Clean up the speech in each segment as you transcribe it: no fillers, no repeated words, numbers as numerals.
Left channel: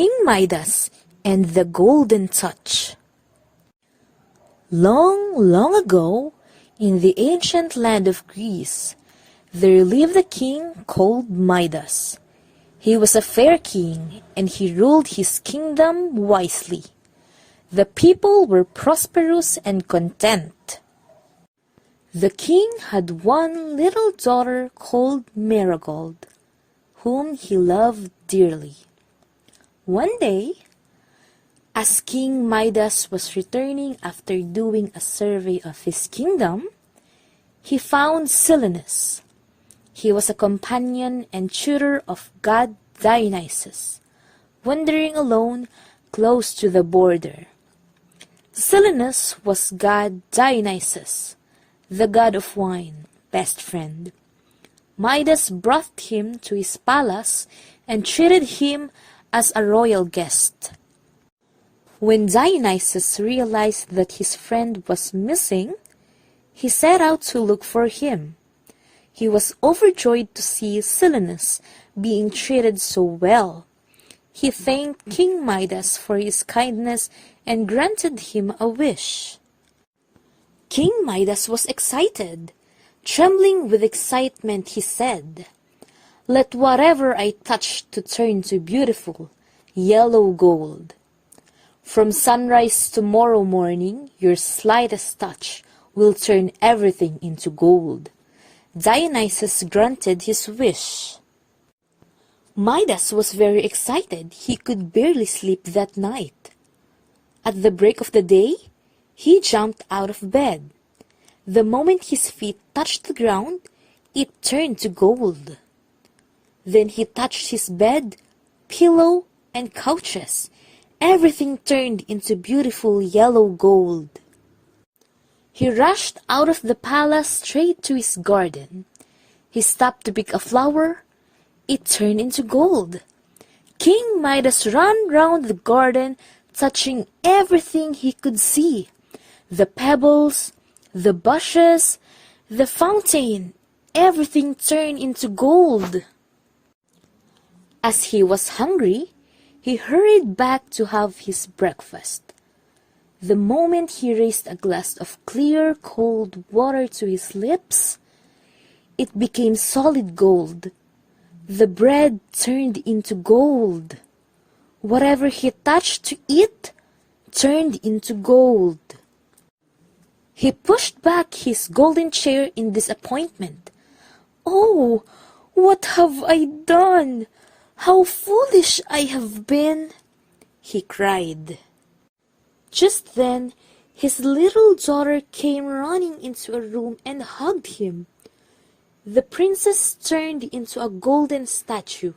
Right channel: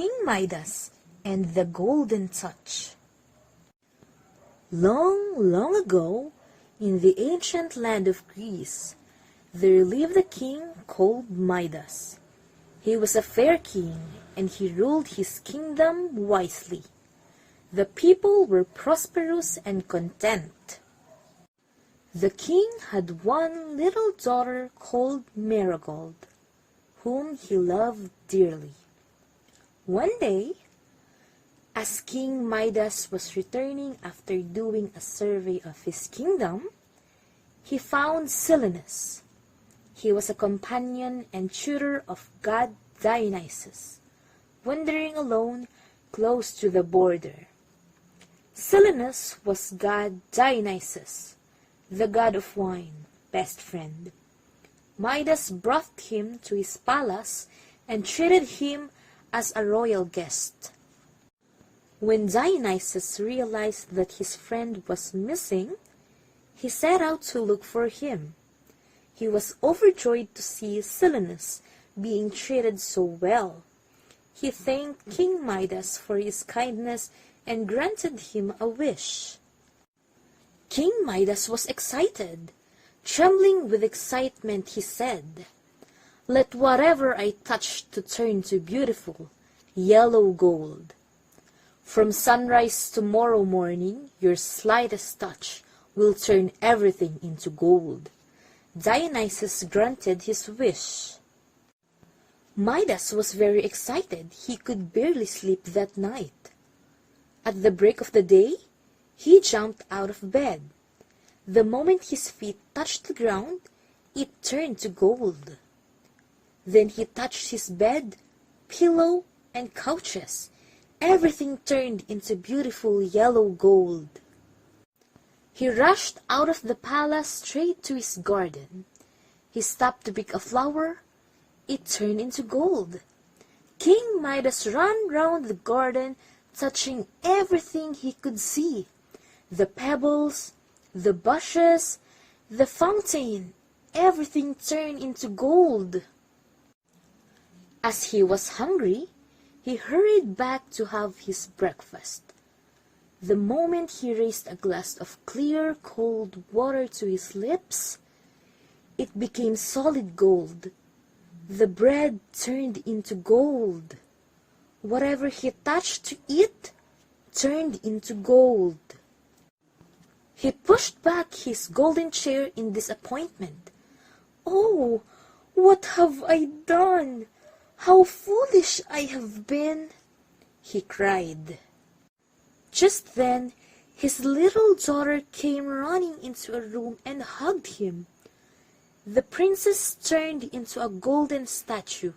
King Midas and the Golden Touch. Long, long ago, in the ancient land of Greece, there lived a king called Midas. He was a fair king, and he ruled his kingdom wisely. The people were prosperous and content. The king had one little daughter called Marigold, whom he loved dearly. One day, as King Midas was returning after doing a survey of his kingdom, he found Silenus. He was a companion and tutor of god Dionysus, wandering alone close to the border. Silenus was god Dionysus, the god of wine, best friend. Midas brought him to his palace and treated him as a royal guest. When Dionysus realized that his friend was missing, he set out to look for him. He was overjoyed to see Silenus being treated so well. He thanked King Midas for his kindness and granted him a wish. King Midas was excited. Trembling with excitement, he said, "Let whatever I touch to turn to beautiful, yellow gold. From sunrise tomorrow morning, your slightest touch will turn everything into gold." Dionysus granted his wish. Midas was very excited. He could barely sleep that night. At the break of the day, he jumped out of bed. The moment his feet touched the ground, it turned to gold. Then he touched his bed, pillow, and couches. Everything turned into beautiful yellow gold. He rushed out of the palace straight to his garden. He stopped to pick a flower. It turned into gold. King Midas ran round the garden, touching everything he could see. The pebbles, the bushes, the fountain, everything turned into gold. As he was hungry, he hurried back to have his breakfast. The moment he raised a glass of clear, cold water to his lips, it became solid gold. The bread turned into gold. Whatever he touched to eat turned into gold. He pushed back his golden chair in disappointment. "Oh, what have I done? How foolish I have been!" he cried. Just then, his little daughter came running into a room and hugged him. The princess turned into a golden statue.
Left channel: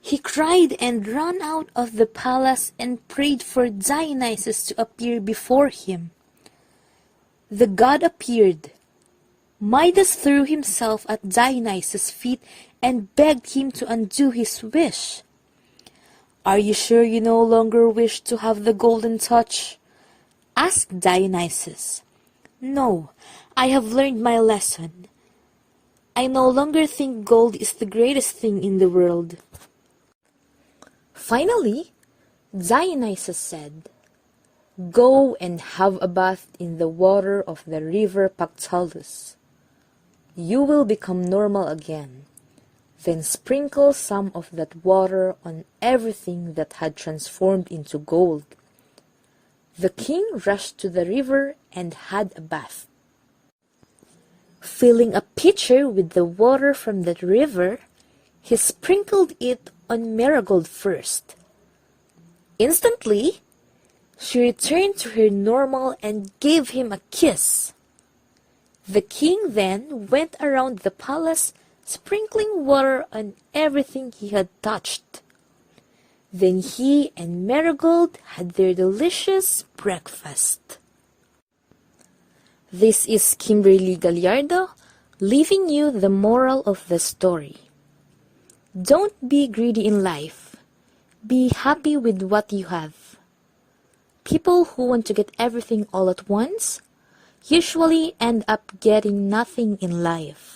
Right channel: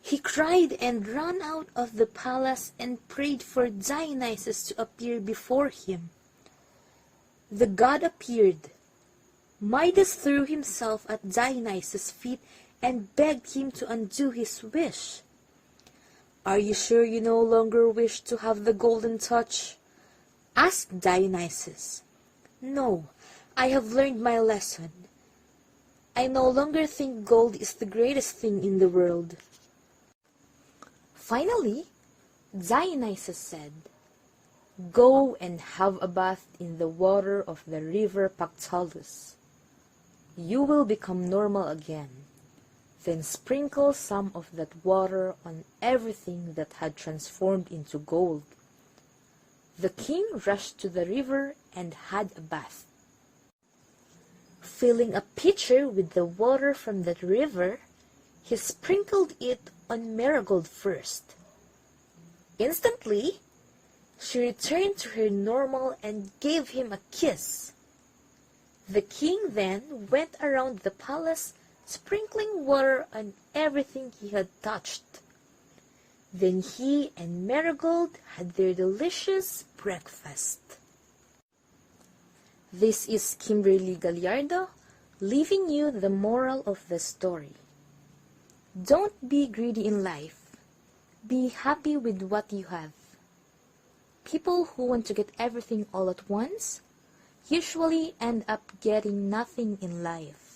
He cried and ran out of the palace and prayed for Dionysus to appear before him. The god appeared. Midas threw himself at Dionysus' feet and begged him to undo his wish. "Are you sure you no longer wish to have the golden touch?" asked Dionysus. "No, I have learned my lesson. I no longer think gold is the greatest thing in the world." Finally, Dionysus said, "Go and have a bath in the water of the river Pactolus. You will become normal again. Then sprinkle some of that water on everything that had transformed into gold." The king rushed to the river and had a bath. Filling a pitcher with the water from that river, he sprinkled it on Marigold first. Instantly, she returned to her normal and gave him a kiss. The king then went around the palace, sprinkling water on everything he had touched. Then he and Marigold had their delicious breakfast. This is Kimberly Gallardo, leaving you the moral of the story. Don't be greedy in life. Be happy with what you have. People who want to get everything all at once usually end up getting nothing in life.